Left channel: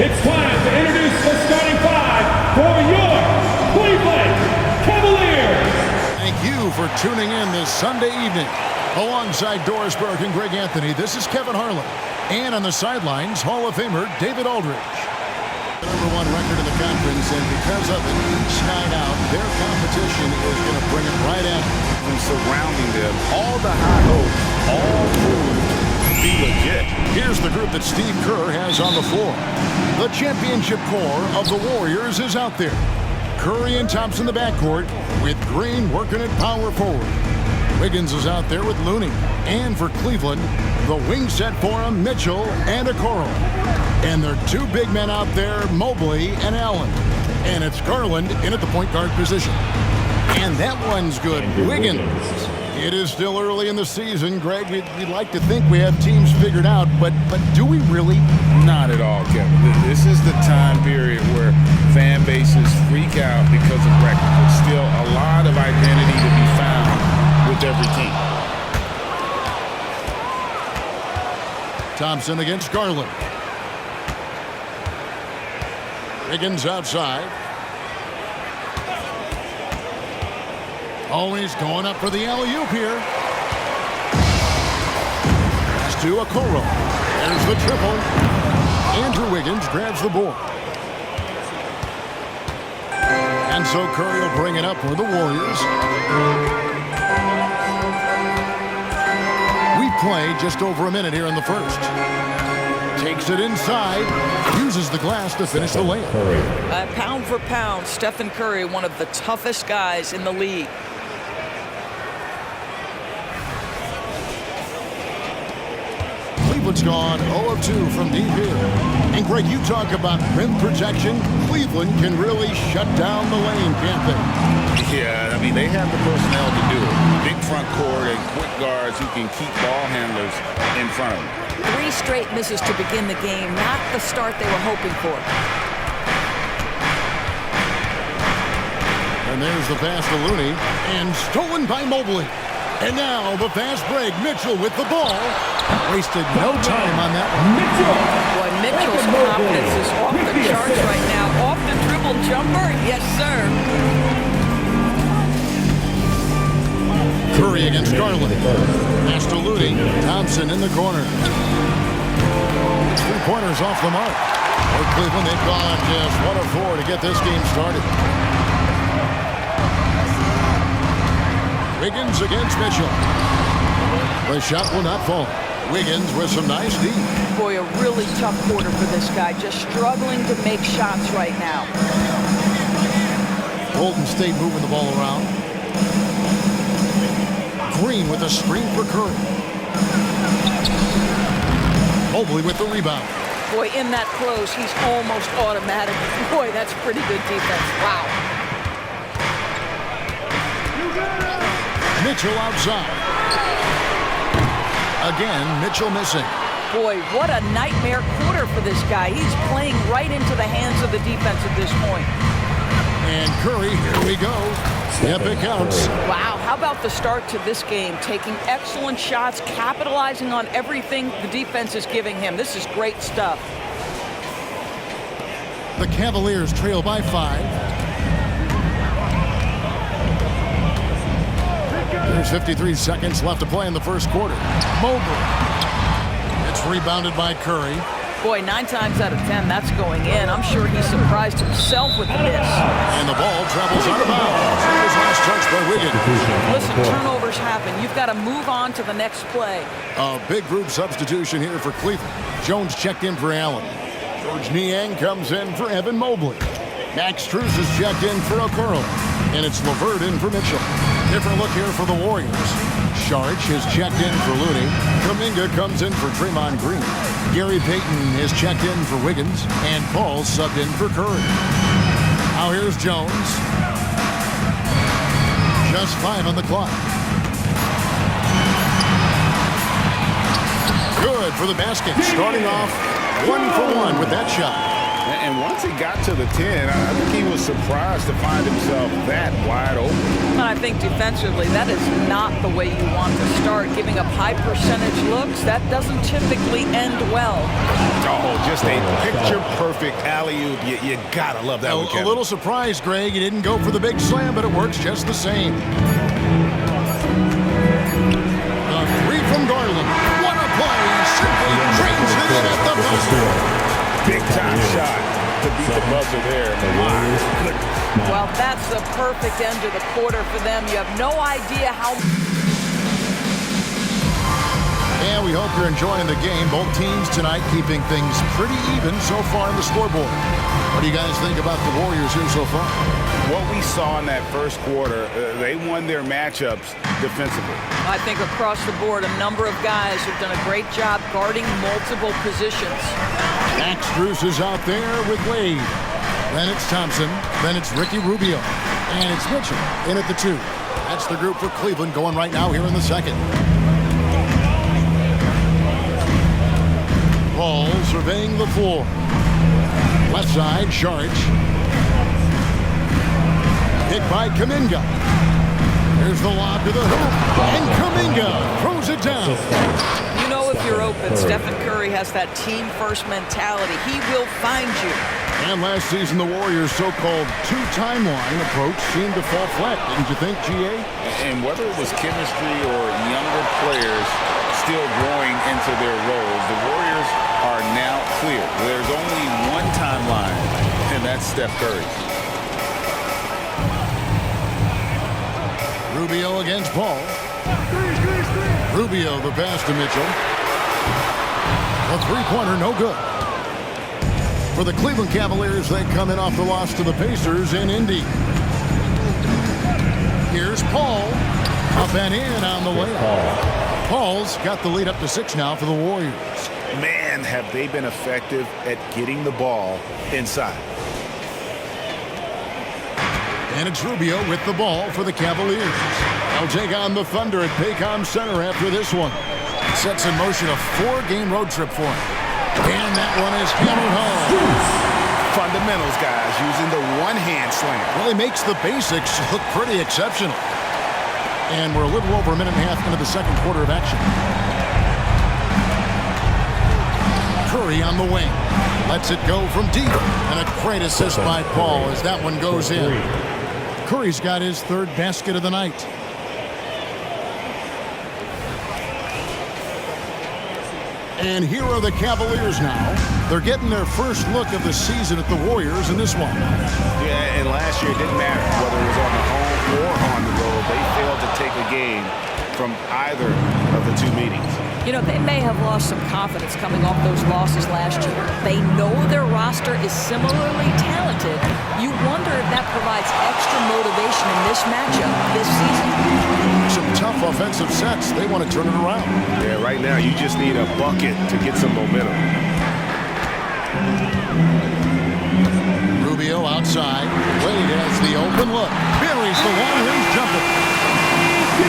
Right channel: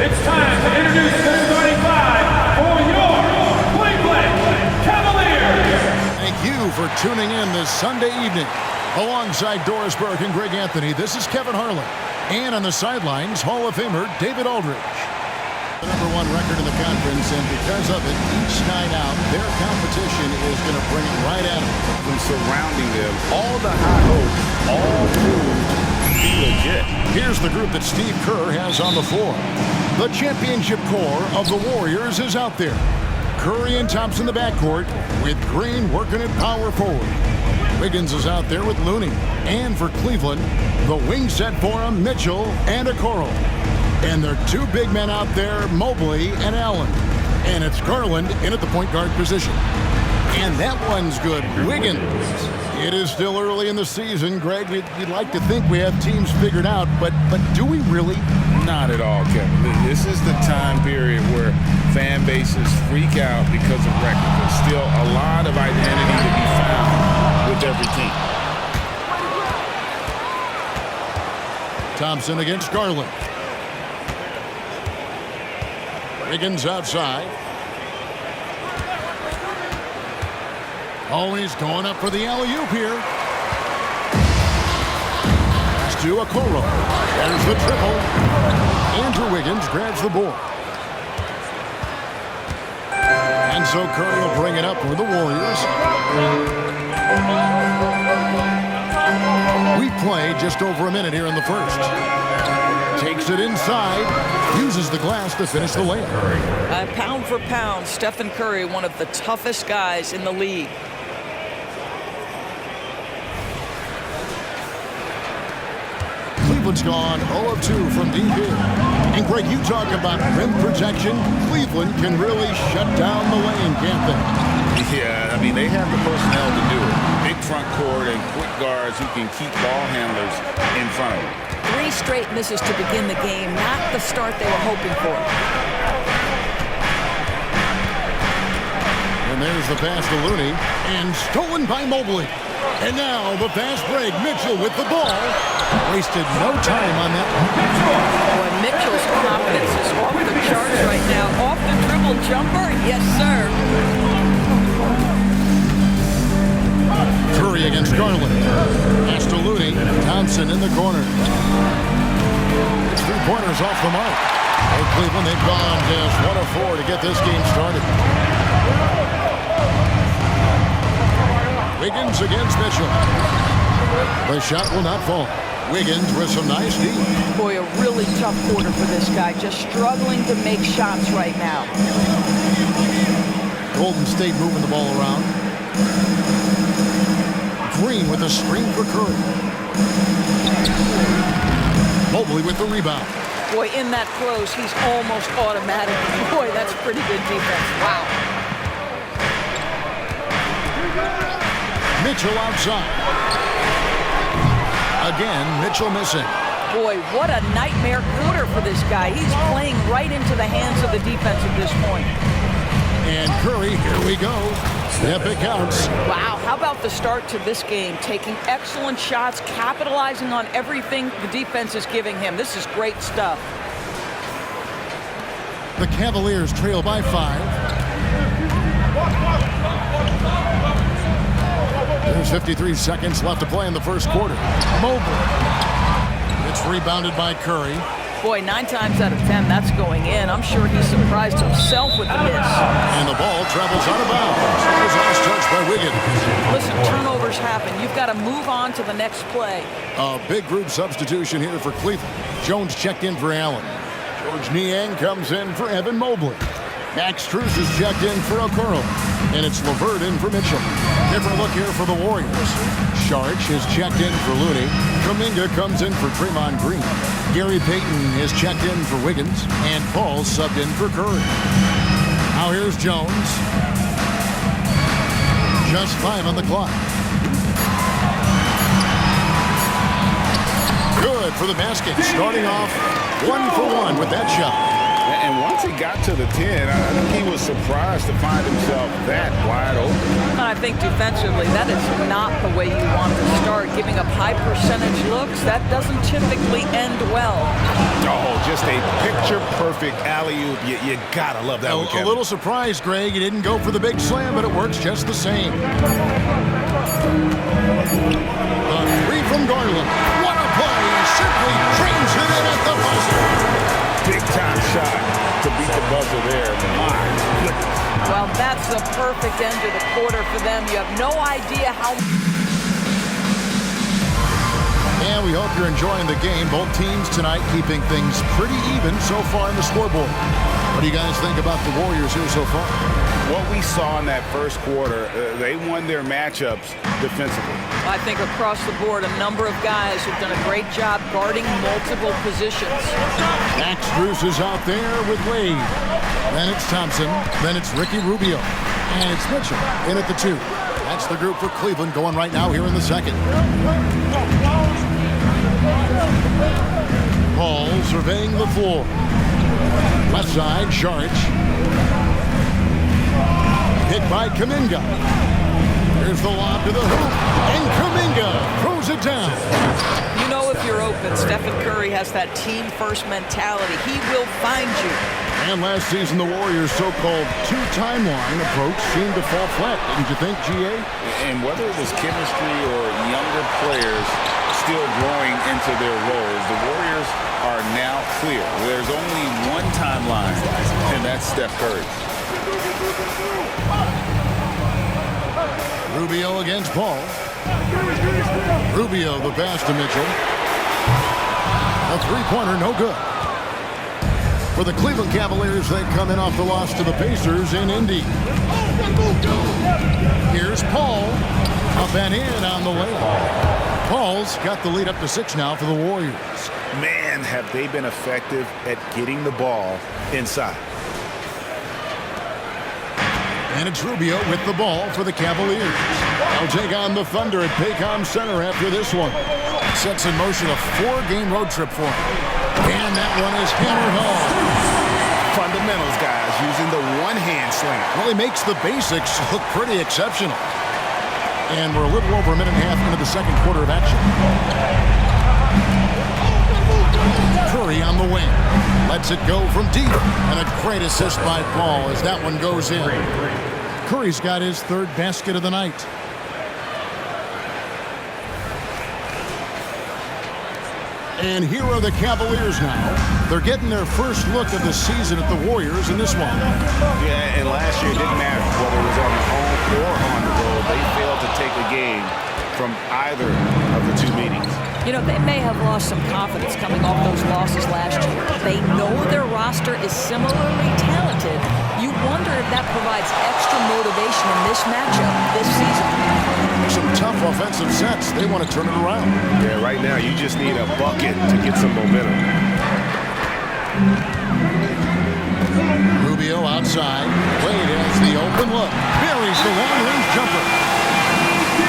It's time to introduce the starting five for your Cleveland Cavaliers. Thank you for tuning in this Sunday evening. Alongside Doris Burke and Greg Anthony, this is Kevin Harlan. And on the sidelines, Hall of Famer David Aldridge. The #1 record in the conference, and because of it, each night out, their competition is going to bring it right at them. From surrounding them, all the high hopes, all proved to be legit. Here's the group that Steve Kerr has on the floor. The championship core of the Warriors is out there. Curry and Thompson in the backcourt, with Green working at power forward. Wiggins is out there with Looney. And for Cleveland, the wing set for him, Mitchell and Okoro. And their two big men out there, Mobley and Allen. And it's Garland in at the point guard position. And that one's good, Wiggins. It is still early in the season, Greg. We'd like to think we have teams figured out, but do we really? Not at all, Kevin. This is the time period where fan bases freak out because of records. There's still a lot of identity to be found with every team. Thompson against Garland. Wiggins outside. Oh, he's going up for the alley-oop here. Pass to Okoro. There's the triple. Andrew Wiggins grabs the board. And so Curry will bring it up for the Warriors. We've played just over a minute here in the first. Takes it inside, uses the glass to finish the layup. Pound for pound, Stephen Curry, one of the toughest guys in the league. Cleveland's gone 0 of 2 from deep here. And Greg, you talk about rim protection. Cleveland can really shut down the lane, can't they? Yeah, I mean, they have the personnel to do it. Big front court and quick guards who can keep ball handlers in front of them. 3 straight misses to begin the game, not the start they were hoping for. And there's the pass to Looney, and stolen by Mobley. And now the fast break. Mitchell with the ball. Wasted no time on that one. Boy, Mitchell's confidence is off the charts right now. Off the dribble jumper, yes, sir. Curry against Garland. Pass to Looney. Thompson in the corner. It's 3-pointers off the mark. For Cleveland, they've gone just 1 of 4 to get this game started. Wiggins against Mitchell. The shot will not fall. Wiggins with some nice D. Boy, a really tough quarter for this guy. Just struggling to make shots right now. Golden State moving the ball around. Green with a screen for Curry. Mobley with the rebound. Boy, in that close, he's almost automatic. Boy, that's pretty good defense. Wow. Mitchell outside. Again, Mitchell missing. Boy, what a nightmare quarter for this guy. He's playing right into the hands of the defense at this point. And Curry, here we go. Yep, it counts. Wow, how about the start to this game? Taking excellent shots, capitalizing on everything the defense is giving him. This is great stuff. The Cavaliers trail by 5. There's 53 seconds left to play in the first quarter. Mobley. It's rebounded by Curry. Boy, 9 times out of 10, that's going in. I'm sure he surprised himself with the miss. And the ball travels out of bounds. It was last touched by Wiggins. Listen, turnovers happen. You've got to move on to the next play. A big group substitution here for Cleveland. Jones checked in for Allen. George Niang comes in for Evan Mobley. Max Strus is checked in for Okoro. And it's LeVert in for Mitchell. Different look here for the Warriors. Saric is checked in for Looney. Kuminga comes in for Draymond Green. Gary Payton is checked in for Wiggins. And Paul subbed in for Curry. Now here's Jones. Just 5 on the clock. Good for the basket. Starting off 1 for 1 with that shot. And once he got to the 10, I think he was surprised to find himself that wide open. And I think defensively, that is not the way you want to start. Giving up high percentage looks, that doesn't typically end well. Oh, just a picture-perfect alley-oop. You gotta love that one, Kevin. A little surprised, Greg. He didn't go for the big slam, but it works just the same. The three from Garland. What a play. Simply drains it in at the buzzer. Big-time shot to beat the buzzer there. My goodness. Well, that's the perfect end to the quarter for them. You have no idea how... And we hope you're enjoying the game. Both teams tonight keeping things pretty even so far on the scoreboard. What do you guys think about the Warriors here so far? What we saw in that first quarter, they won their matchups defensively. I think across the board, a number of guys have done a great job guarding multiple positions. Max Strus is out there with Wade. Then it's Thompson. Then it's Ricky Rubio. And it's Mitchell in at the 2. That's the group for Cleveland going right now here in the second. Paul surveying the floor. Left side, Sharge. Hit by Kuminga. Here's the lob to the hoop. And Kuminga throws it down. You know if you're open, Stephen Curry has that team-first mentality. He will find you. And last season, the Warriors' so-called two-timeline approach seemed to fall flat, didn't you think, GA? And whether it was chemistry or younger players still growing into their roles, the Warriors are now clear. There's only one timeline, and that's Steph Curry. Rubio against Paul. Rubio the pass to Mitchell. A three-pointer, no good. For the Cleveland Cavaliers, they come in off the loss to the Pacers in Indy. Here's Paul. Up and in on the layup. Paul's got the lead up to 6 now for the Warriors. Man, have they been effective at getting the ball inside. And it's Rubio with the ball for the Cavaliers. They'll take on the Thunder at Paycom Center after this one. Sets in motion a 4-game road trip for him. And that one is hammered home. Fundamentals, guys, using the one-hand slam. Well, he makes the basics look pretty exceptional. And we're a little over a minute and a half into the second quarter of action. Curry on the wing. Lets it go from deep. And a great assist by Paul as that one goes in. Curry's got his 3rd basket of the night. And here are the Cavaliers now. They're getting their first look of the season at the Warriors in this one. Yeah, and last year it didn't matter whether it was on the home or on the road. They failed to take a game from either of the 2 meetings. You know, they may have lost some confidence coming off those losses last year. They know their roster is similarly talented. You wonder if that provides extra motivation in this matchup this season. Some tough offensive sets. They want to turn it around. Yeah, right now you just need a bucket to get some momentum. Rubio outside. Wade has the open look. Buries the long-range jumper.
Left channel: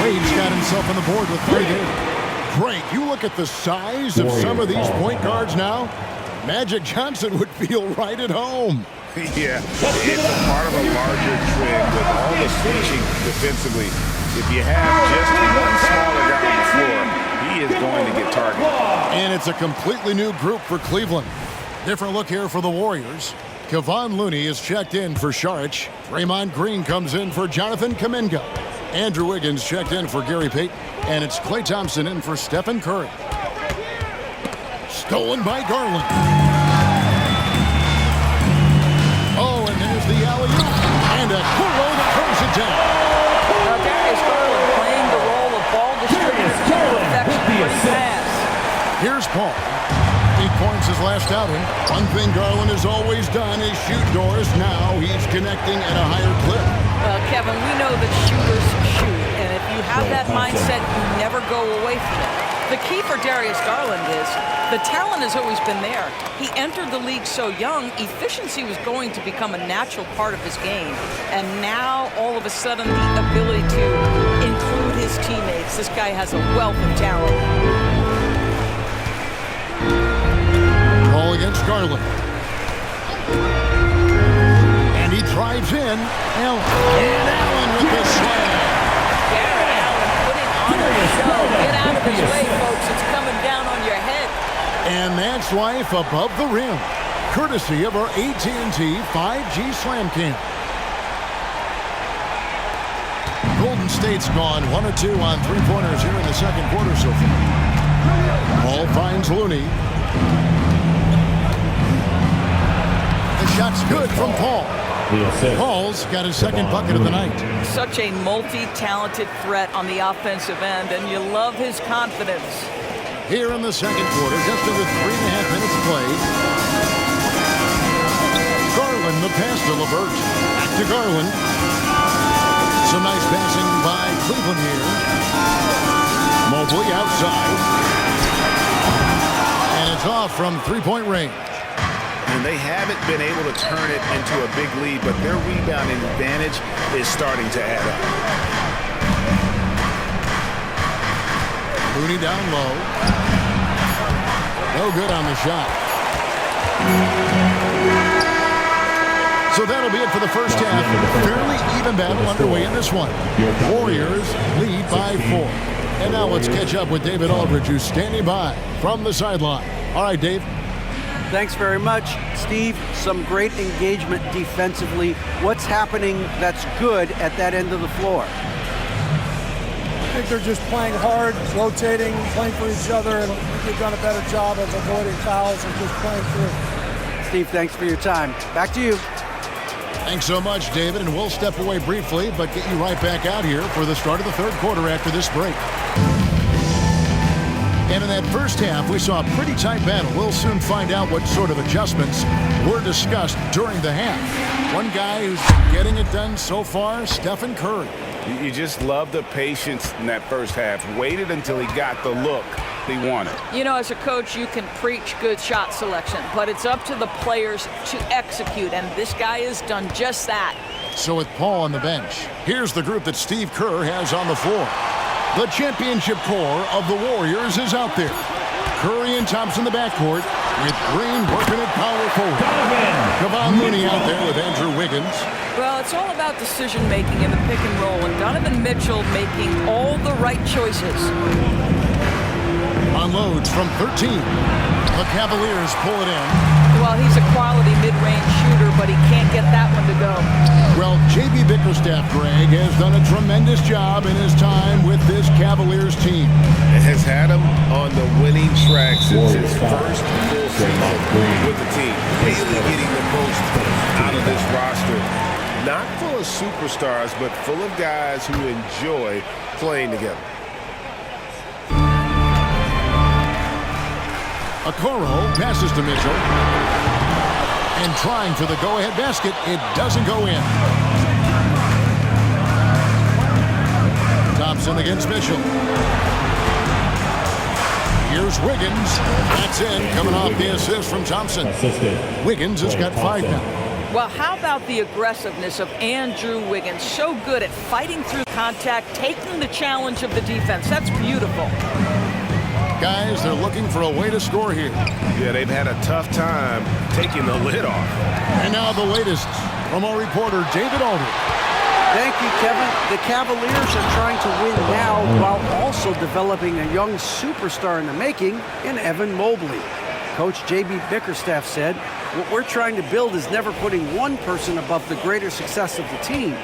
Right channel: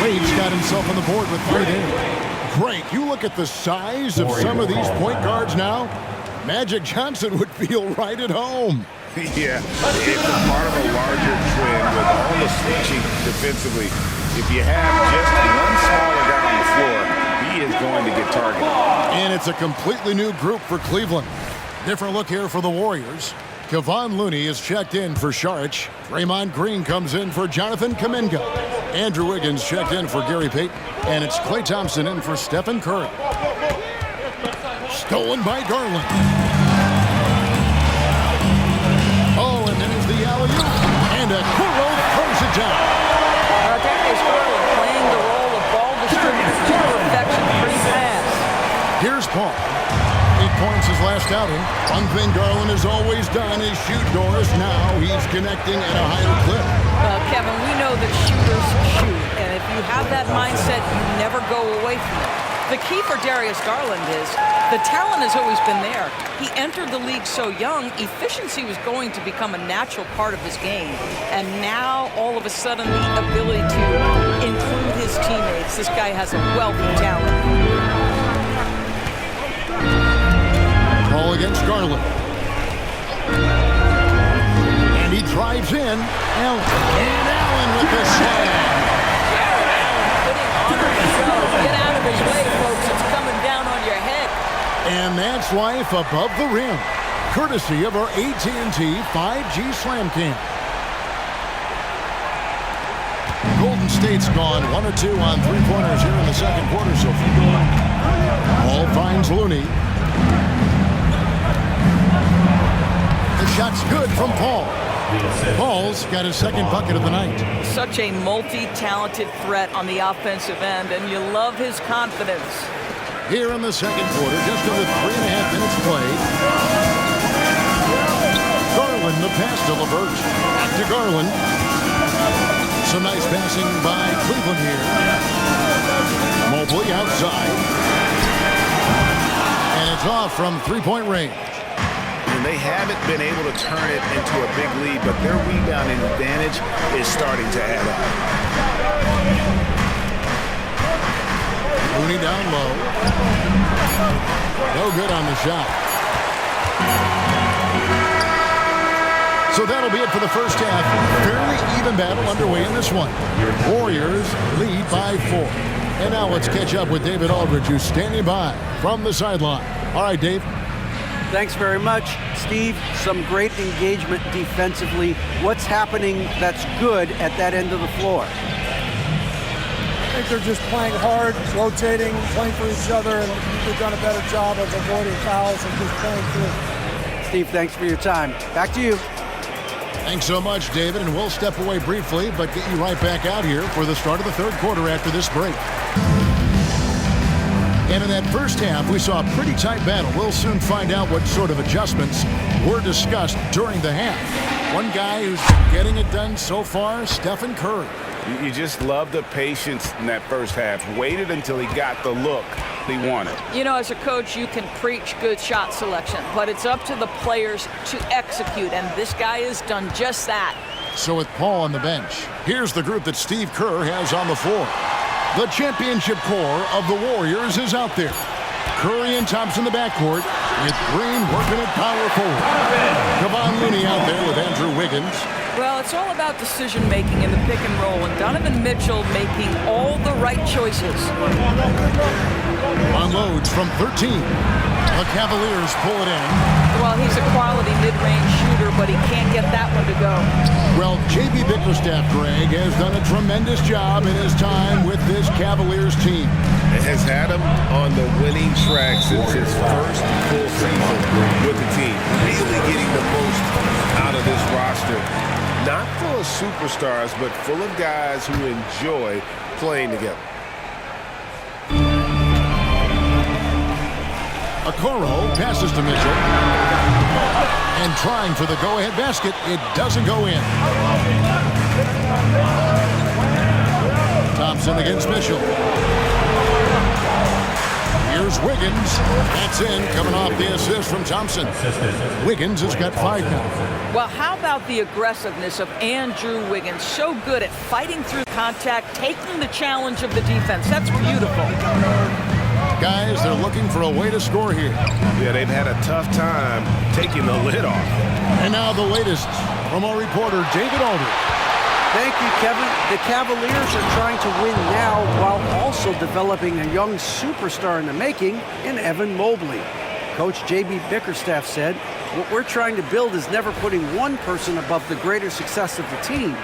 Wade's got himself on the board with 3 there. Greg, you look at the size of some of these point guards now. Magic Johnson would feel right at home. Yeah, it's a part of a larger trend with all the switching defensively. If you have just one smaller guy on the floor, he is going to get targeted. And it's a completely new group for Cleveland. Different look here for the Warriors. Kevon Looney is checked in for Saric. Draymond Green comes in for Jonathan Kuminga. Andrew Wiggins checked in for Gary Payton. And it's Klay Thompson in for Stephen Curry. Stolen by Garland. Oh, and there's the alley-oop. And Okoro throws it down. Darius Garland playing the role of ball distributor to perfection. Pretty pass. Here's Paul. 8 points his last outing. One thing Garland has always done is shoot doors. Now he's connecting at a higher clip. Well, Kevin, we know that shooters shoot, and if you have that mindset, you never go away from it. The key for Darius Garland is the talent has always been there. He entered the league so young, efficiency was going to become a natural part of his game. And now, all of a sudden, the ability to include his teammates. This guy has a wealth of talent. Ball against Garland. drives in. Allen. And Allen with the slam. Jared Allen putting on a show. Get out of his way, folks. It's coming down on your head. And that's life above the rim, courtesy of our AT&T 5G Slam Cam. Golden State's gone 1 or 2 on three-pointers here in the second quarter so far. Ball finds Looney. The shot's good from Paul. Paul's got his second bucket of the night. Such a multi-talented threat on the offensive end, and you love his confidence. Here in the second quarter, just under 3.5 minutes played. Garland, the pass to LeVert. Back to Garland. Some nice passing by Cleveland here. Mobley outside. And it's off from three-point range. And they haven't been able to turn it into a big lead, but their rebounding advantage is starting to add up. Looney down low. No good on the shot. So that'll be it for the first half. Fairly even battle underway in this one. Warriors lead by 4. And now let's catch up with David Aldridge, who's standing by from the sideline. All right, Dave. Thanks very much, Steve. Some great engagement defensively. What's happening that's good at that end of the floor? I think they're just playing hard, rotating, playing for each other, and they've done a better job of avoiding fouls and just playing through. Steve, thanks for your time. Back to you. Thanks so much, David, and we'll step away briefly, but get you right back out here for the start of the third quarter after this break. And in that first half, we saw a pretty tight battle. We'll soon find out what sort of adjustments were discussed during the half. One guy who's been getting it done so far, Steph Curry. You just love the patience in that first half. Waited until he got the look he wanted. You know, as a coach, you can preach good shot selection, but it's up to the players to execute, and this guy has done just that. So with Paul on the bench, here's the group that Steve Kerr has on the floor. The championship core of the Warriors is out there. Curry and Thompson in the backcourt, with Green working at power forward. Kevon Looney out there with Andrew Wiggins. Well, it's all about decision-making in the pick and roll, and Donovan Mitchell making all the right choices. Unloads from 13. The Cavaliers pull it in. Well, he's a quality mid-range shooter, but he can't get that one to go. Well, J.B. Bickerstaff, Greg, has done a tremendous job in his time with this Cavaliers team. It has had him on the winning track since his first full season with the team. Really getting the most out of this roster. Not full of superstars, but full of guys who enjoy playing together. Okoro passes to Mitchell. And trying for the go-ahead basket, it doesn't go in. Thompson against Mitchell. Here's Wiggins. That's in, coming off the assist from Thompson. Wiggins has got 5 now. Well, how about the aggressiveness of Andrew Wiggins? So good at fighting through contact, taking the challenge of the defense. That's beautiful. Guys, they're looking for a way to score here. Yeah, they've had a tough time taking the lid off. And now the latest from our reporter, David Aldridge. Thank you, Kevin. The Cavaliers are trying to win now while also developing a young superstar in the making in Evan Mobley. Coach J.B. Bickerstaff said, "What we're trying to build is never putting one person above the greater success of the team.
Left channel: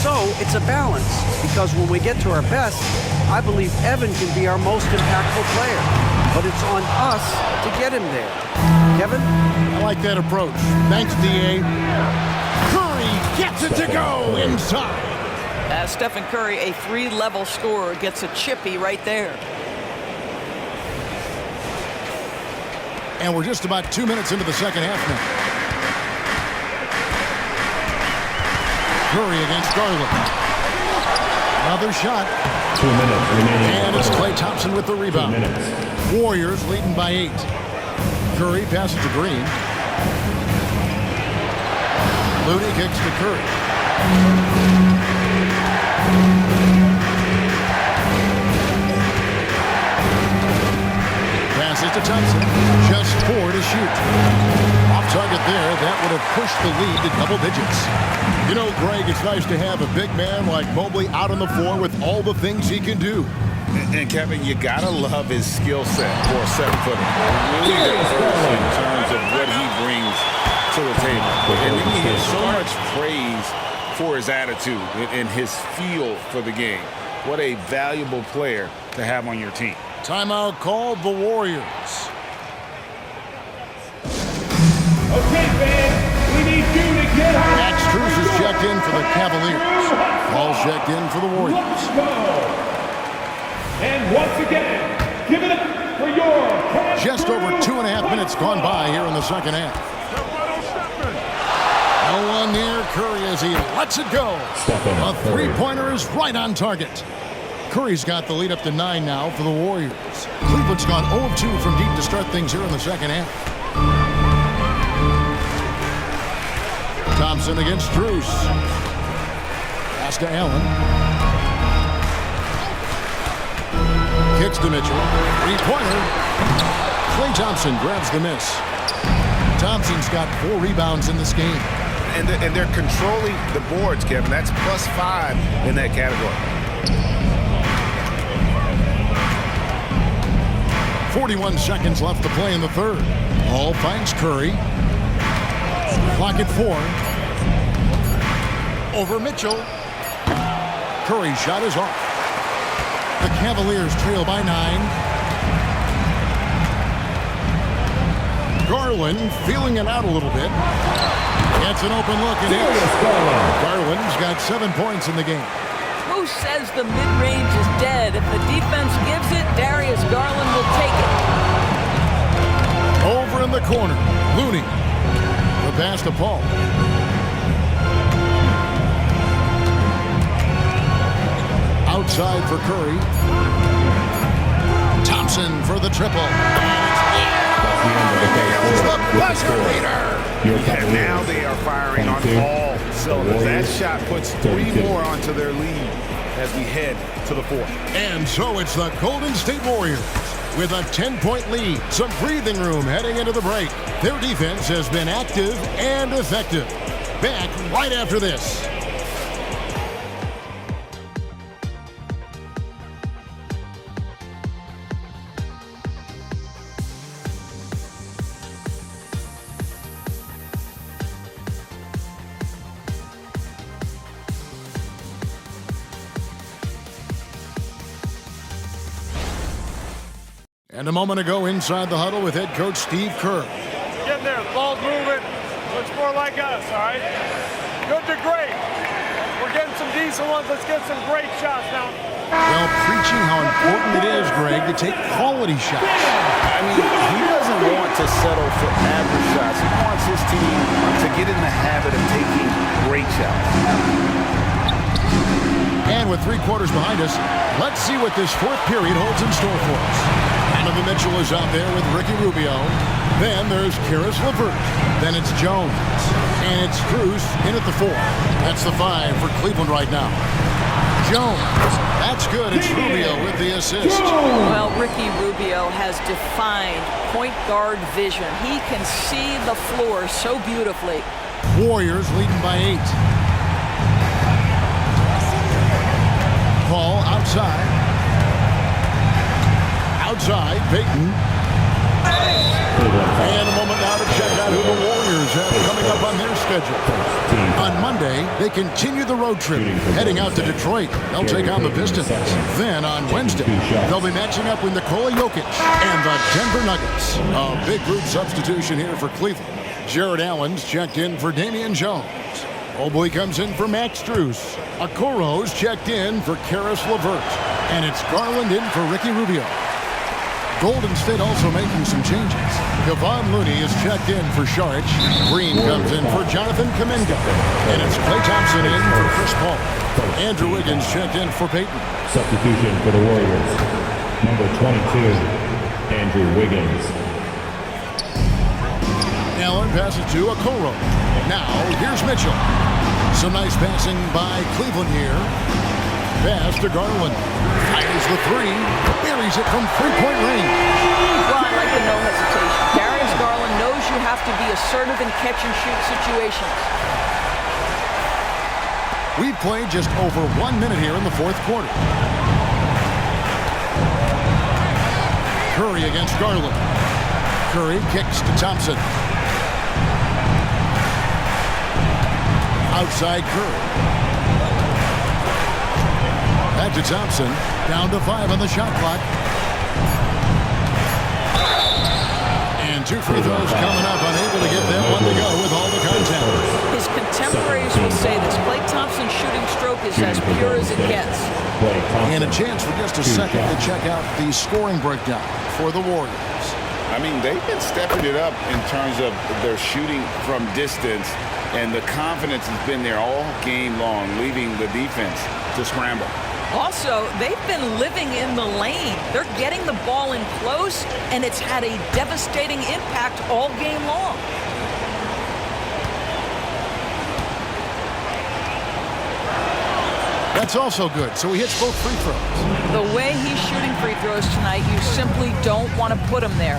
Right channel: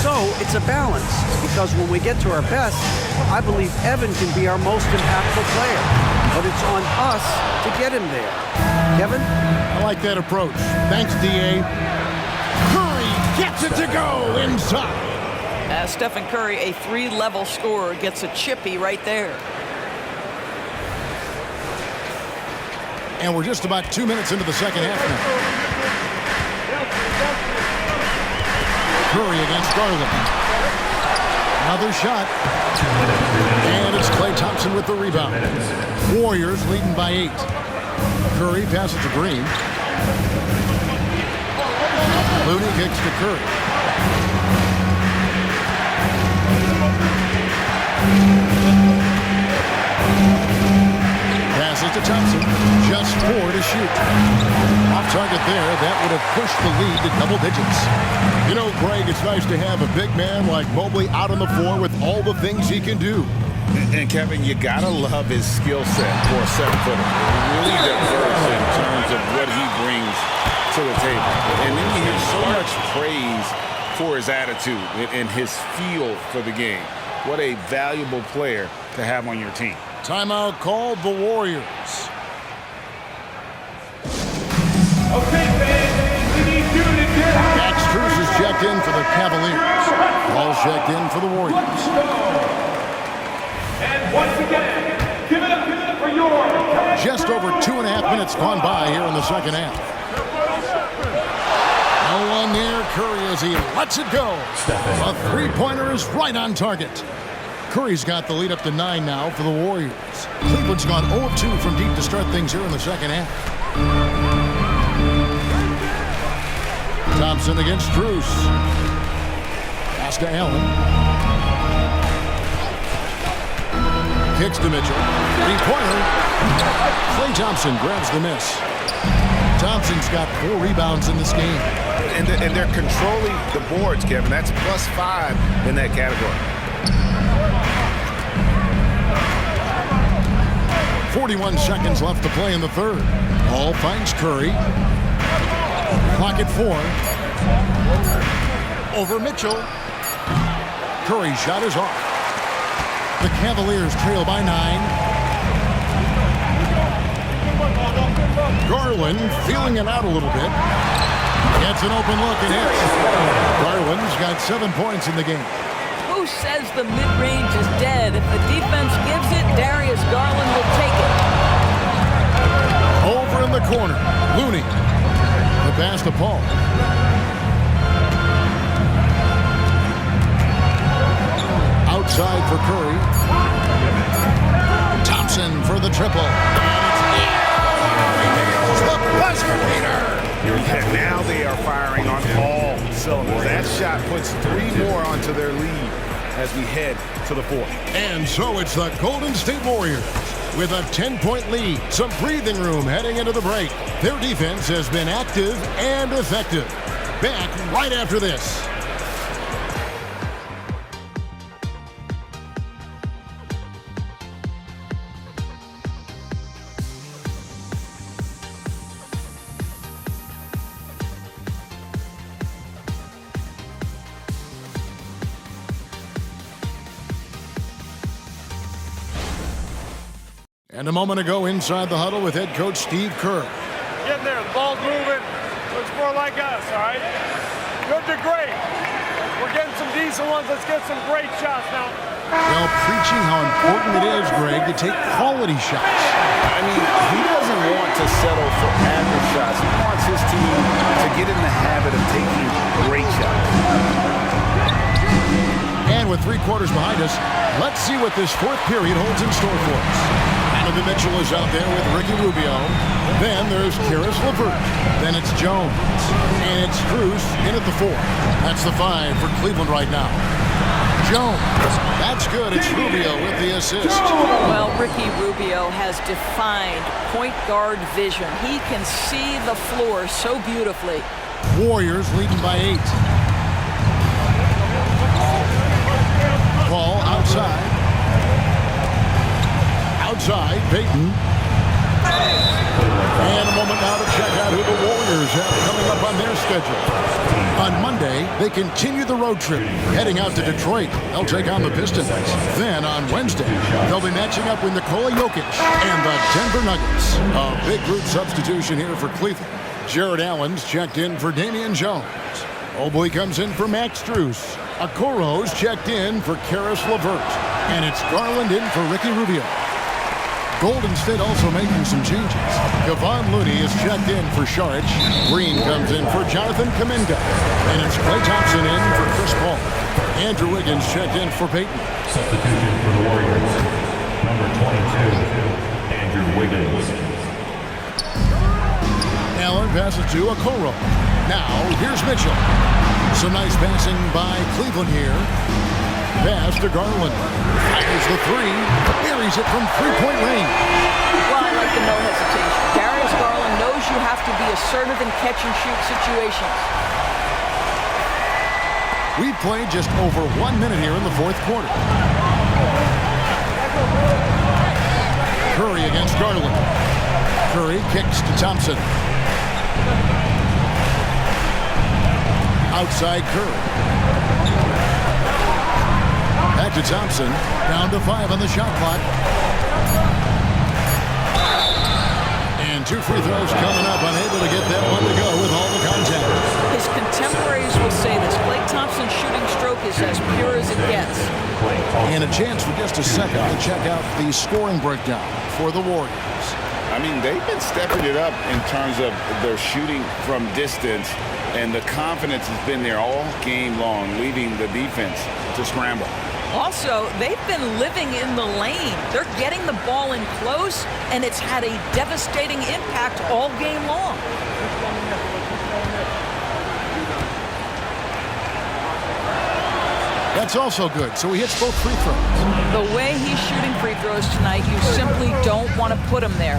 So it's a balance, because when we get to our best, I believe Evan can be our most impactful player. But it's on us to get him there." Kevin? I like that approach. Thanks, D.A. Curry gets it to go inside. Stephen Curry, a 3-level scorer, gets a chippy right there. And we're just about 2 minutes into the second half now. Curry against Garland. Another shot. 2 minutes remaining. And it's Klay Thompson with the rebound. Warriors leading by 8. Curry passes to Green. Looney kicks to Curry. Passes to Thompson. Just 4 to shoot. Off target there. That would have pushed the lead to double digits. You know, Greg, it's nice to have a big man like Mobley out on the floor with all the things he can do. And Kevin, you gotta love his skill set for a 7-footer. Really diverse in terms of what he brings to the table. And then you hear so much praise for his attitude and his feel for the game. What a valuable player to have on your team. Timeout called the Warriors. Okay, fans, we need you to get out. Max Strus is checked in for the Cavaliers. Paul's checked in for the Warriors. Let's go. And once again, give it up for your Just over 2.5 minutes gone by here in the second half. No one near Curry as he lets it go. A three-pointer is right on target. Curry's got the lead up to 9 now for the Warriors. Cleveland's gone 0-2 from deep to start things here in the second half. Thompson against Strus. Pass to Allen. Kicks to Mitchell. Three-pointer. Klay Thompson grabs the miss. Thompson's got 4 rebounds in this game. And they're controlling the boards, Kevin. That's +5 in that category. 41 seconds left to play in the third. Ball finds Curry. Clock at 4. Over Mitchell. Curry's shot is off. The Cavaliers trail by 9. Garland feeling it out a little bit. Gets an open look and hits. Garland's got 7 points in the game. Who says the mid-range is dead? If the defense gives it, Darius Garland will take it. Over in the corner, Looney. The pass to Paul. Outside for Curry. Thompson for the triple. And it's nails the buzzer beater. Yeah, now they are firing on all cylinders. That shot puts 3 more onto their lead as we head to the 4th. And so it's the Golden State Warriors with a 10-point lead. Some breathing room heading into the break. Their defense has been active and effective. Back right after this. And a moment ago inside the huddle with head coach Steve Kerr. Getting there, the ball's moving. Looks more like us, all right? Good to great. We're getting some decent ones. Let's get some great shots now. Well, preaching how important it is, Greg, to take quality shots. I mean, he doesn't want to settle for average shots. He wants his team to get in the habit of taking great shots. And with 3 quarters behind us, let's see what this 4th period holds in store for us. Donovan Mitchell is out there with Ricky Rubio. Then there's Caris LeVert. Then it's Jones. And it's Strus in at the 4. That's the 5 for Cleveland right now. Jones. That's good. It's Rubio with the assist. Well, Ricky Rubio has defined point guard vision. He can see the floor so beautifully. Warriors leading by 8. Paul outside. Outside, Payton. And a moment now to check out who the Warriors have coming up on their schedule. On Monday, they continue the road trip, heading out to Detroit. They'll take on the Pistons. Then on Wednesday, they'll be matching up with Nikola Jokic and the Denver Nuggets. A big group substitution here for Cleveland. Jared Allen's checked in for Damian Jones. Mobley comes in for Max Strus. Okoro's checked in for Caris LeVert. And it's Garland in for Ricky Rubio. Golden State also making some changes. Kevon Looney is checked in for Saric. Green comes in for Jonathan Kuminga. And it's Klay Thompson in for Chris Paul. Andrew Wiggins checked in for Payton. Substitution for the Warriors. Number 22, Andrew Wiggins. Allen passes to Okoro. Now, here's Mitchell. Some nice passing by Cleveland here. Pass to Garland. Fires the 3. Buries it from 3-point range. Well, I like the no hesitation. Darius Garland knows you have to be assertive in catch-and-shoot situations. We've played just over 1 minute here in the fourth quarter. Curry against Garland. Curry kicks to Thompson. Outside Curry. Back to Thompson. Down to 5 on the shot clock. And 2 free throws coming up. Unable to get that one to go with all the contact. His contemporaries will say this. Klay Thompson's shooting stroke is as pure as it gets. And a chance for just a second to check out the scoring breakdown for the Warriors. I mean, they've been stepping it up in terms of their shooting from distance, and the confidence has been there all game long, leaving the defense to scramble. Also, they've been living in the lane. They're getting the ball in close, and it's had a devastating impact all game long. That's also good. So he hits both free throws. The way he's shooting free throws tonight, you simply don't want to put him there.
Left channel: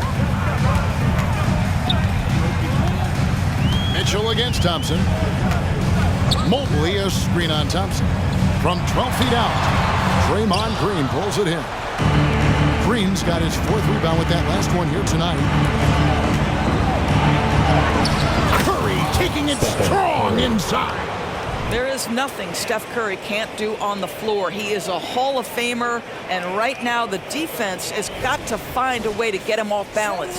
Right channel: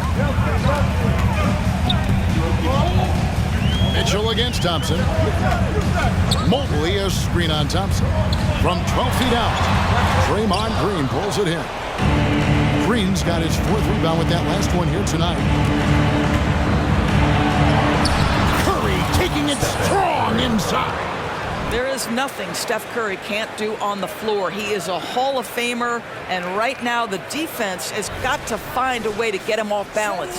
Mitchell against Thompson. Mobley a screen on Thompson. From 12 feet out, Draymond Green pulls it in. Green's got his 4th rebound with that last one here tonight. Curry taking it strong inside. There is nothing Steph Curry can't do on the floor. He is a Hall of Famer, and right now the defense has got to find a way to get him off balance.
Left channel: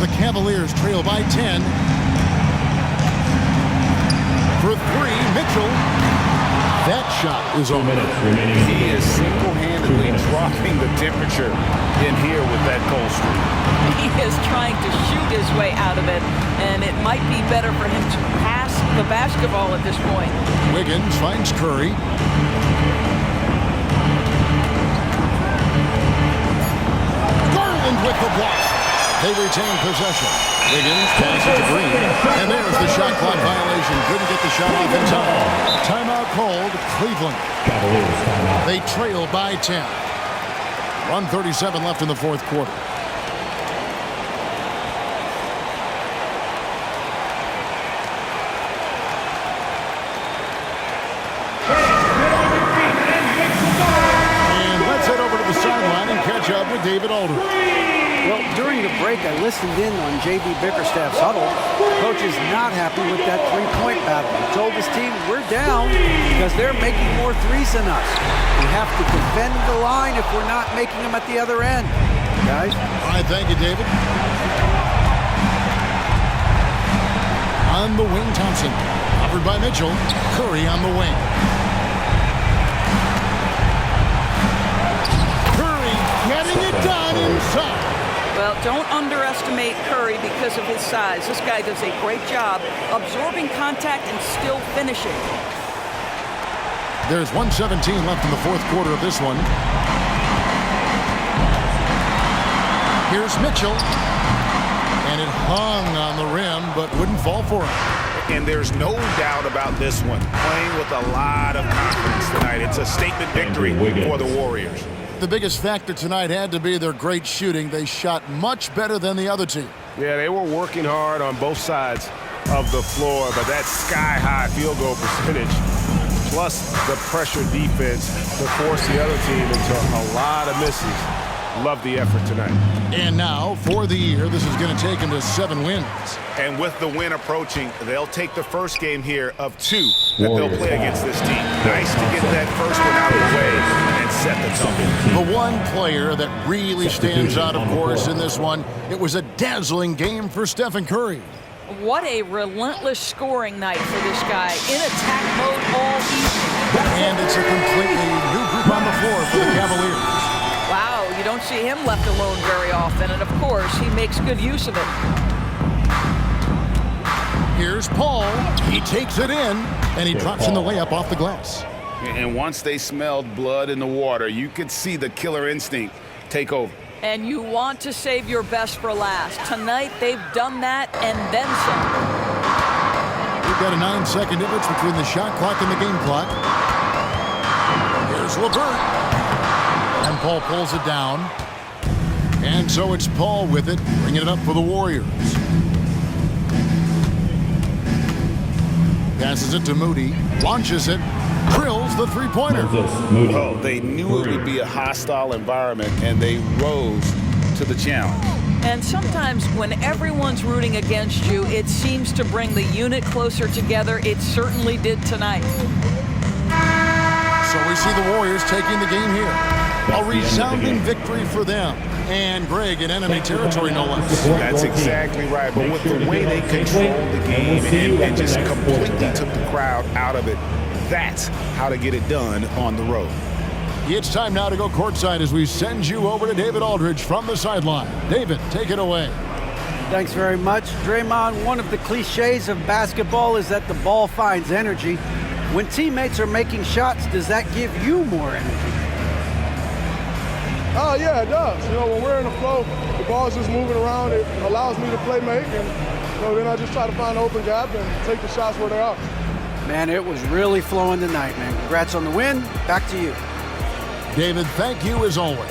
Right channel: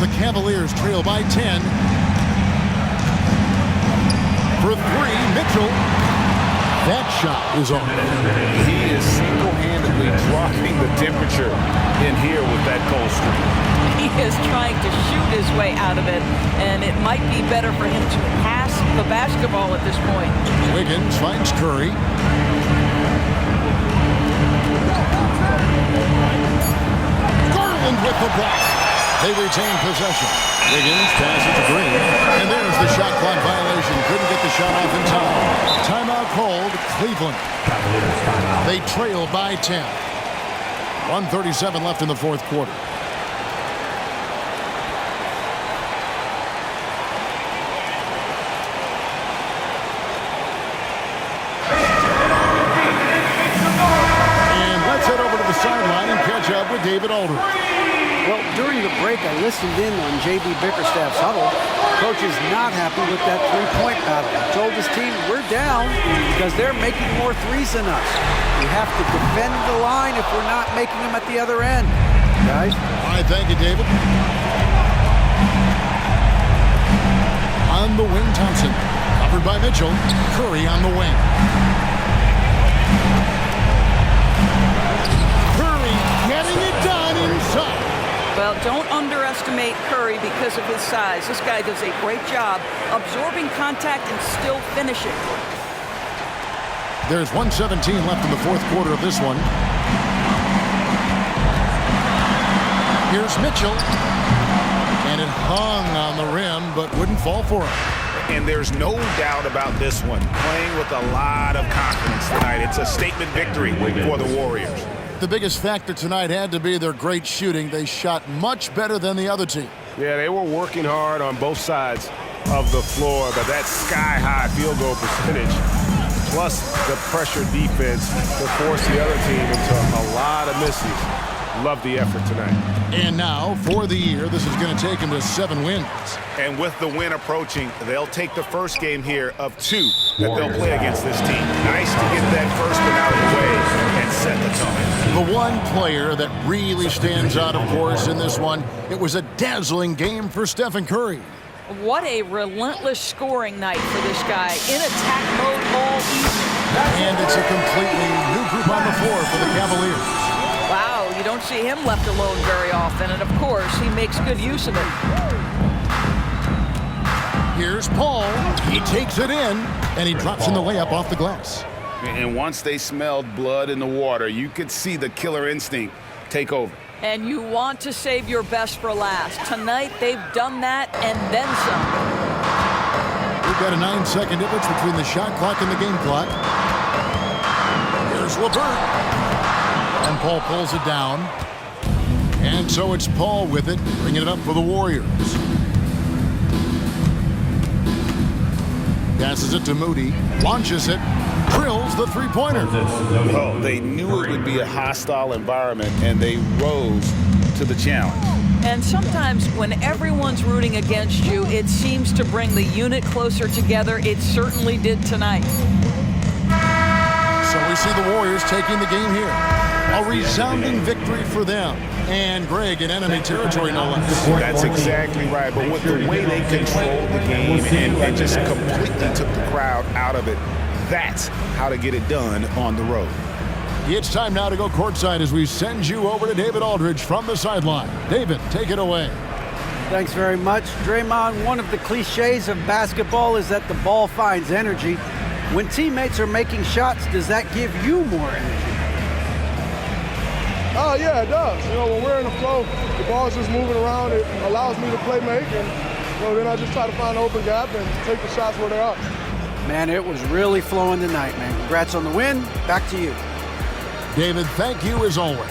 The Cavaliers trail by 10. For 3, Mitchell. That shot is on. He is single-handedly dropping the temperature in here with that cold streak. He is trying to shoot his way out of it, and it might be better for him to pass the basketball at this point. Wiggins finds Curry. Garland with the block. They retain possession. Wiggins passes to Green, and there's the shot clock violation. Couldn't get the shot off in time. Timeout called Cleveland. Cavaliers timeout. They trail by 10. 1:37 left in the fourth quarter. And let's head over to the sideline and catch up with David Aldridge. Well, during the break, I listened in on J.B. Bickerstaff's huddle. Coach is not happy with that three-point battle. He told his team, we're down because they're making more threes than us. We have to defend the line if we're not making them at the other end. Guys? All right, thank you, David. On the wing, Thompson. Covered by Mitchell. Curry on the wing. Curry getting it done inside. Well, don't underestimate Curry because of his size. This guy does a great job absorbing contact and still finishing. There's 1:17 left in the fourth quarter of this one. Here's Mitchell. And it hung on the rim, but wouldn't fall for him. And there's no doubt about this one. Playing with a lot of confidence tonight. It's a statement victory for the Warriors. The biggest factor tonight had to be their great shooting. They shot much better than the other team. Yeah, they were working hard on both sides of the floor, but that sky-high field goal percentage, plus the pressure defense to force the other team into a lot of misses. Love the effort tonight. And now, for the year, this is going to take them to 7 wins. And with the win approaching, they'll take the first game here of 2 that they'll play against this team. Nice to get that first one out of the way and set the tone. The one player that really stands out, of course, in this one, it was a dazzling game for Stephen Curry. What a relentless scoring night for this guy. In attack mode all evening. And it's a completely new group on the floor for the Cavaliers. Wow, you don't see him left alone very often, and of course, he makes good use of it. Here's Paul. He takes it in, and he drops in the layup off the glass. And once they smelled blood in the water, you could see the killer instinct take over. And you want to save your best for last. Tonight, they've done that and then some. We've got a 9-second difference between the shot clock and the game clock. Here's LeVert. And Paul pulls it down. And so it's Paul with it, bringing it up for the Warriors. Passes it to Moody. Launches it. Drills the three-pointer. Well, they knew it would be a hostile environment, and they rose to the challenge. And sometimes when everyone's rooting against you, it seems to bring the unit closer together. It certainly did tonight. So we see the Warriors taking the game here. A resounding victory for them. And Greg in enemy territory, no less. That's exactly right. But with the way they controlled the game and just completely took the crowd out of it, that's how to get it done on the road. It's time now to go courtside as we send you over to David Aldridge from the sideline. David, take it away. Thanks very much. Draymond, one of the cliches of basketball is that the ball finds energy. When teammates are making shots, does that give you more energy? Oh, yeah, it does. When we're in the flow, the ball's just moving around. It allows me to play make, and then I just try to find an open gap and take the shots where they are. Man, it was really flowing tonight, man. Congrats on the win. Back to you. David, thank you as always.